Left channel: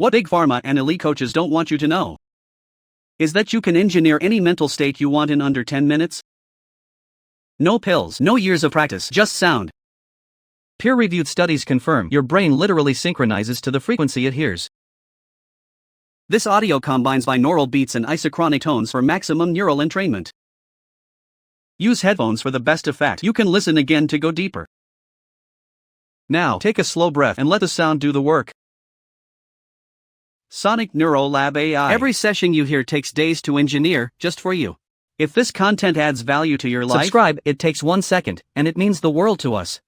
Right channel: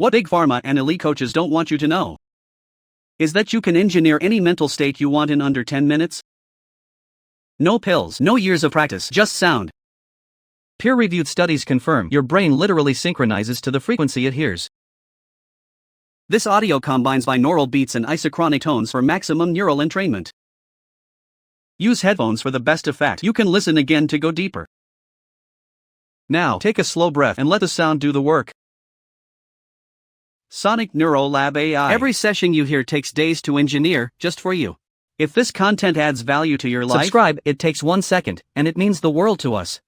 What Big Pharma and elite coaches don't want you to know is that you can engineer any mental state you want in under 10 minutes. No pills, no years of practice, just sound. Peer-reviewed studies confirm your brain literally synchronizes to the frequency it hears. This audio combines binaural beats and isochronic tones for maximum neural entrainment. Use headphones for the best effect. You can listen again to go deeper. Now, take a slow breath and let the sound do the work. Sonic Neuro Lab AI. Every session you hear takes days to engineer, just for you. If this content adds value to your life, subscribe. It takes 1 second, and it means the world to us.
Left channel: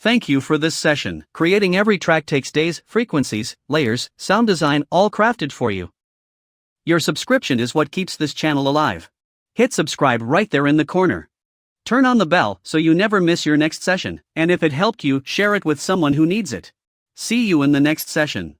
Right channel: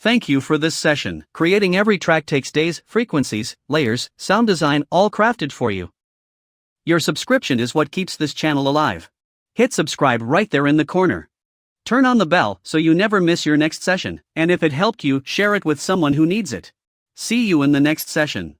Thank you for this session. Creating every track takes days, frequencies, layers, sound design, all crafted for you. Your subscription is what keeps this channel alive. Hit subscribe right there in the corner. Turn on the bell so you never miss your next session, and if it helped you, share it with someone who needs it. See you in the next session.